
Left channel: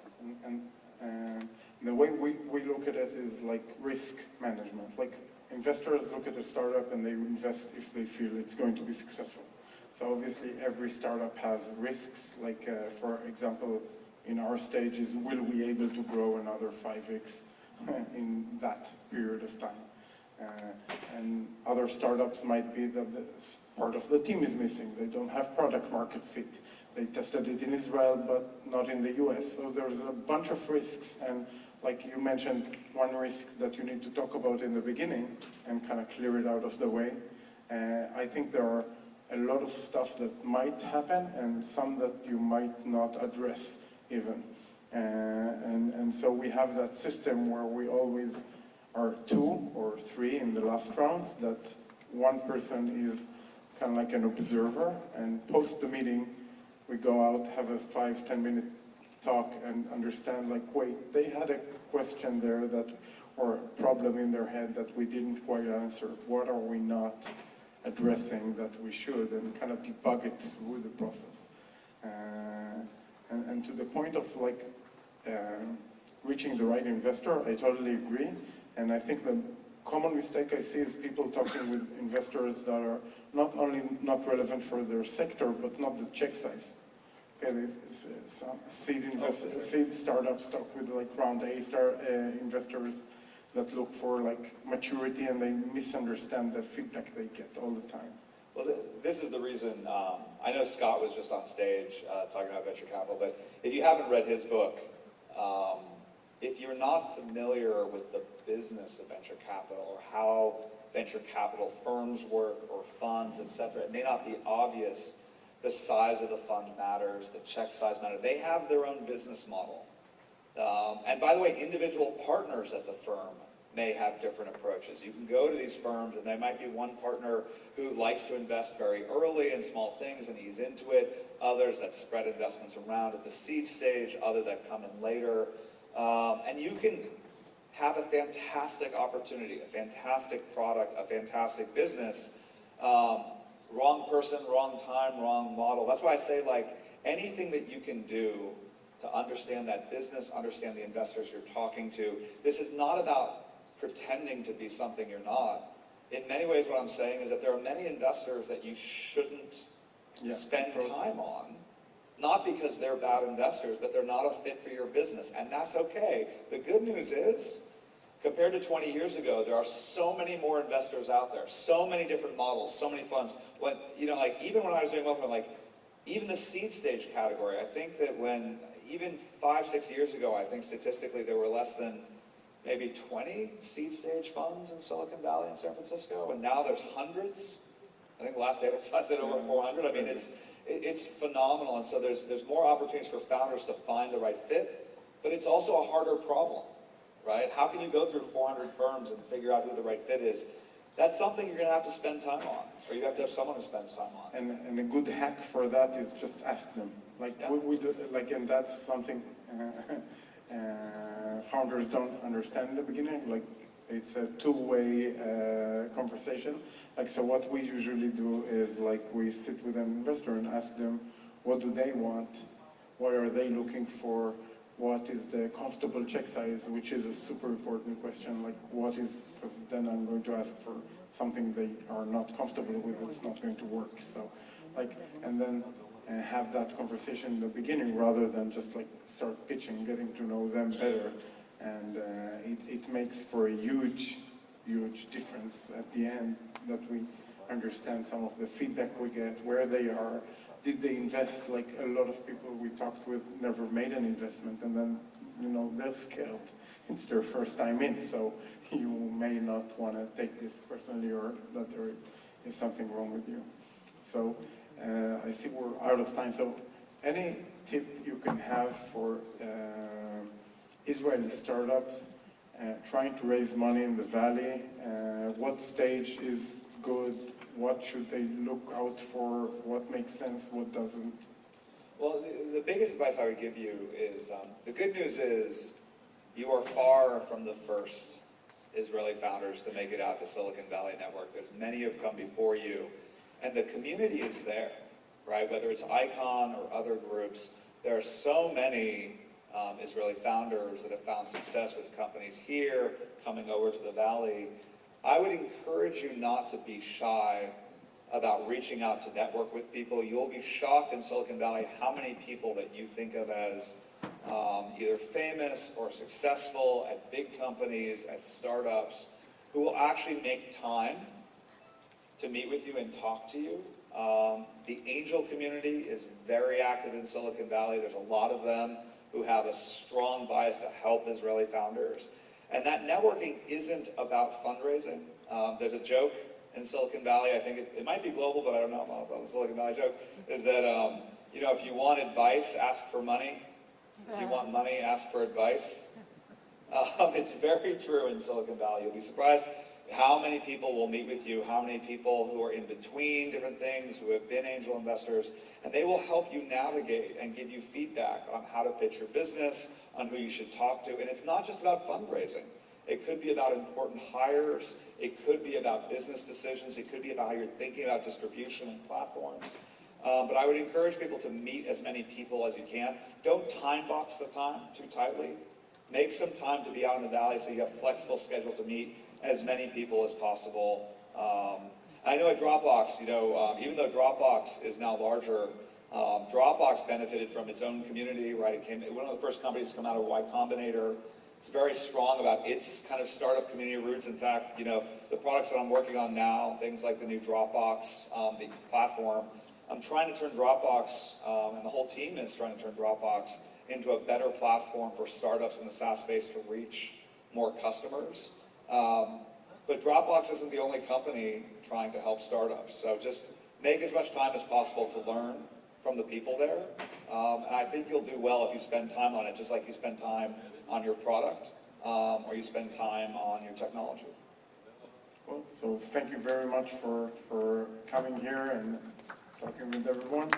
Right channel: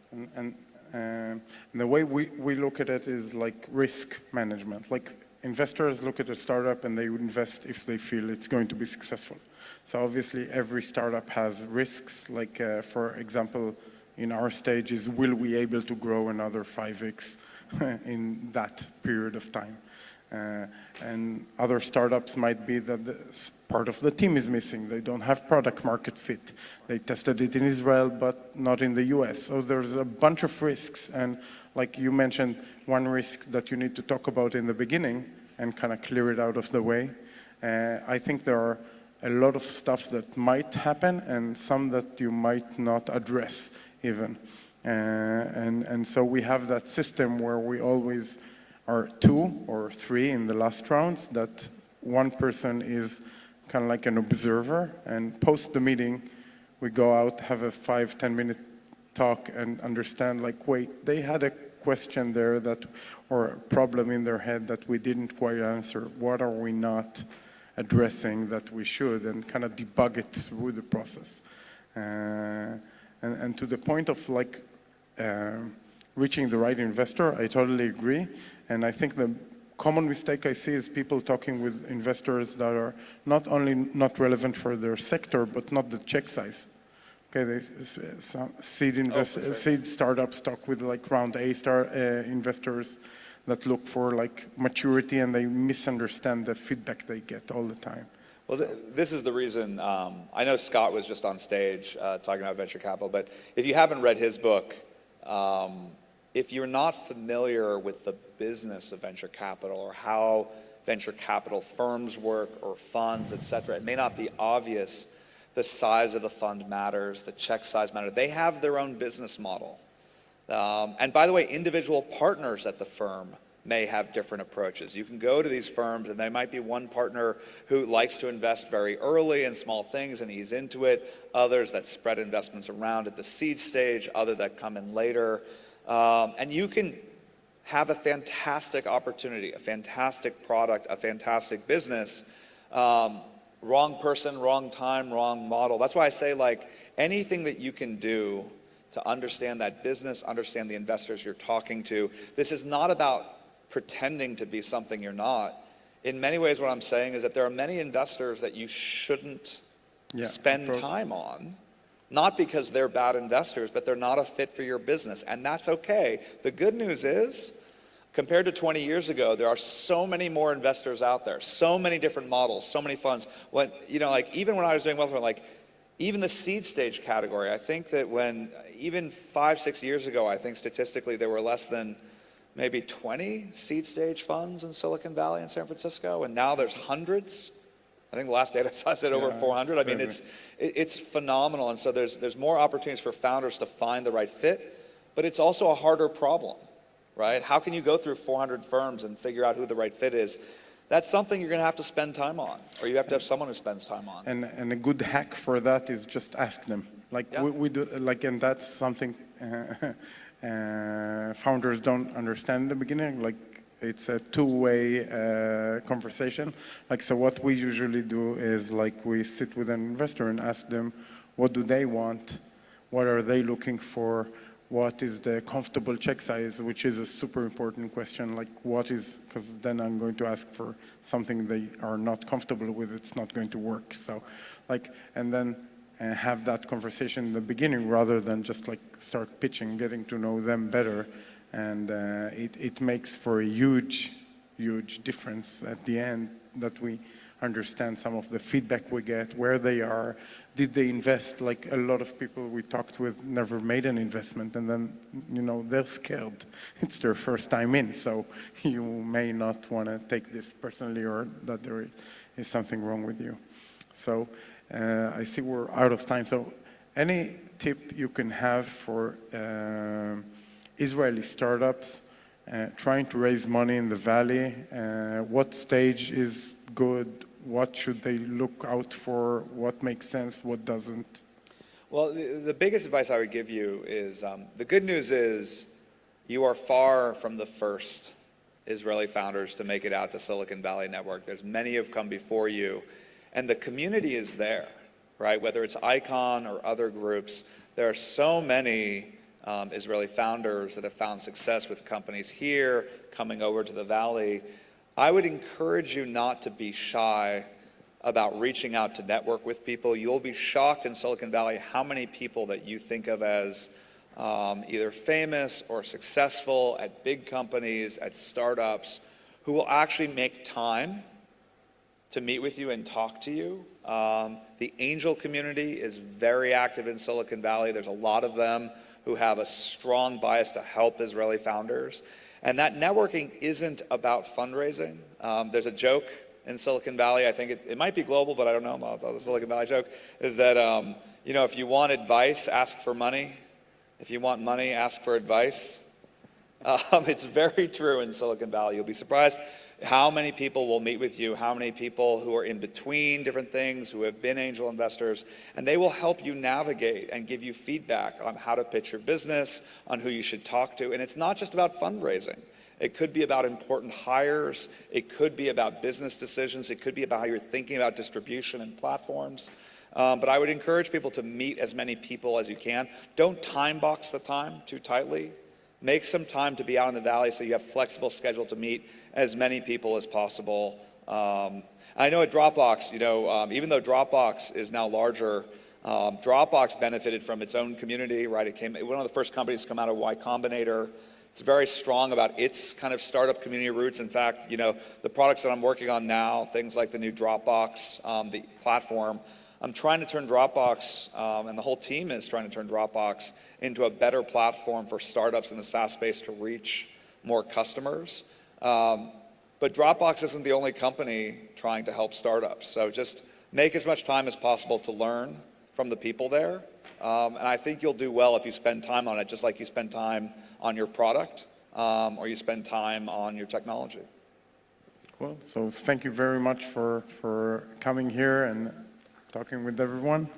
And the way we look at it is like risk management. Like, investors look at a startup and they invest if they feel it's going to be successful. So obviously every startup has risks. Like for example, in our stage is, will we able to grow another 5x in that period of time? And other startups might be that part of the team is missing. They don't have product market fit. They tested it in Israel, but not in the US. So there's a bunch of risks. And like you mentioned, one risk that you need to talk about in the beginning and kind of clear it out of the way. I think there are a lot of stuff that might happen and some that you might not address even. And so we have that system where we always are 2 or 3 in the last rounds, that one person is kind of like an observer, and post the meeting, we go out, have a 5-10 minute talk and understand, like, wait, they had a question there that, or a problem in their head that we didn't quite answer. What are we not addressing that we should, and kind of debug it through the process. And to the point of like reaching the right investor, I totally agree. And I think the common mistake I see is people talking with investors that are not only not relevant for their sector, but not the check size. Okay, some seed startups talk with like round A investors that look for like maturity, and they misunderstand the feedback they get all the time. Well, this is the reason. I know Scott was just on stage talking about venture capital, but if you haven't read his book, if you're not familiar with the business of venture capital or how venture capital firms work or funds, et cetera, it may not be obvious. The size of the fund matters, the check size matters. They have their own business model. And by the way, individual partners at the firm may have different approaches. You can go to these firms and there might be one partner who likes to invest very early in small things and he's into it, others that spread investments around at the seed stage, others that come in later. And you can have a fantastic opportunity, a fantastic product, a fantastic business. Wrong person, wrong time, wrong model. That's why I say, like, anything that you can do to understand that business, understand the investors you're talking to. This is not about pretending to be something you're not. In many ways, what I'm saying is that there are many investors that you shouldn't spend time on, not because they're bad investors, but they're not a fit for your business, and that's okay. The good news is, compared to 20 years ago, there are so many more investors out there, so many different models, so many funds. When, you know, like, even when I was doing wealth, like, even the seed stage category, I think that when, even 5-6 years ago, I think statistically there were less than maybe 20 seed stage funds in Silicon Valley and San Francisco, and now there's hundreds. I think the last data I said over 400. I mean, it's phenomenal, and so there's more opportunities for founders to find the right fit, but it's also a harder problem. Right? How can you go through 400 firms and figure out who the right fit is? That's something you're going to have to spend time on, or you have to have someone who spends time on. And a good hack for that is just ask them. Like we do, like, and that's something founders don't understand in the beginning. Like, it's a two-way conversation. Like, so what we usually do is, like, we sit with an investor and ask them, what do they want? What are they looking for? What is the comfortable check size, which is a super important question. Like, what is, because then I'm going to ask for something they are not comfortable with, it's not going to work. So, like, and then have that conversation in the beginning rather than just like start pitching, getting to know them better. and it makes for a huge difference at the end that we understand some of the feedback we get, where they are, did they invest? Like a lot of people we talked with never made an investment, and then they're scared. It's their first time in, so you may not want to take this personally, or that there is something wrong with you. So I see we're out of time. So any tip you can have for Israeli startups trying to raise money in the Valley? What stage is good? What should they look out for? What makes sense? What doesn't? Well, the biggest advice I would give you is, the good news is you are far from the first Israeli founders to make it out to Silicon Valley Network. There's many have come before you, and the community is there, right? Whether it's Icon or other groups, there are so many Israeli founders that have found success with companies here, coming over to the Valley. I would encourage you not to be shy about reaching out to network with people. You'll be shocked in Silicon Valley how many people that you think of as either famous or successful at big companies, at startups, who will actually make time to meet with you and talk to you. The angel community is very active in Silicon Valley. There's a lot of them who have a strong bias to help Israeli founders. And that networking isn't about fundraising. There's a joke in Silicon Valley, I think it might be global, but I don't know, the Silicon Valley joke, is that if you want advice, ask for money. If you want money, ask for advice. It's very true in Silicon Valley. You'll be surprised how many people will meet with you, how many people who are in between different things, who have been angel investors, and they will help you navigate and give you feedback on how to pitch your business, on who you should talk to. And it's not just about fundraising. It could be about important hires. It could be about business decisions. It could be about how you're thinking about distribution and platforms. But I would encourage people to meet as many people as you can. Don't time box the time too tightly. Make some time to be out in the Valley so you have a flexible schedule to meet as many people as possible. I know at Dropbox, even though Dropbox is now larger, Dropbox benefited from its own community, right? It came one of the first companies to come out of Y Combinator. It's very strong about its kind of startup community roots. In fact, the products that I'm working on now, things like the new Dropbox, the platform, I'm trying to turn Dropbox, and the whole team is trying to turn Dropbox into a better platform for startups in the SaaS space to reach more customers. But Dropbox isn't the only company trying to help startups. So just make as much time as possible to learn from the people there. And I think you'll do well if you spend time on it, just like you spend time on your product, or you spend time on your technology. Well, so thank you very much for coming here and talking with everyone.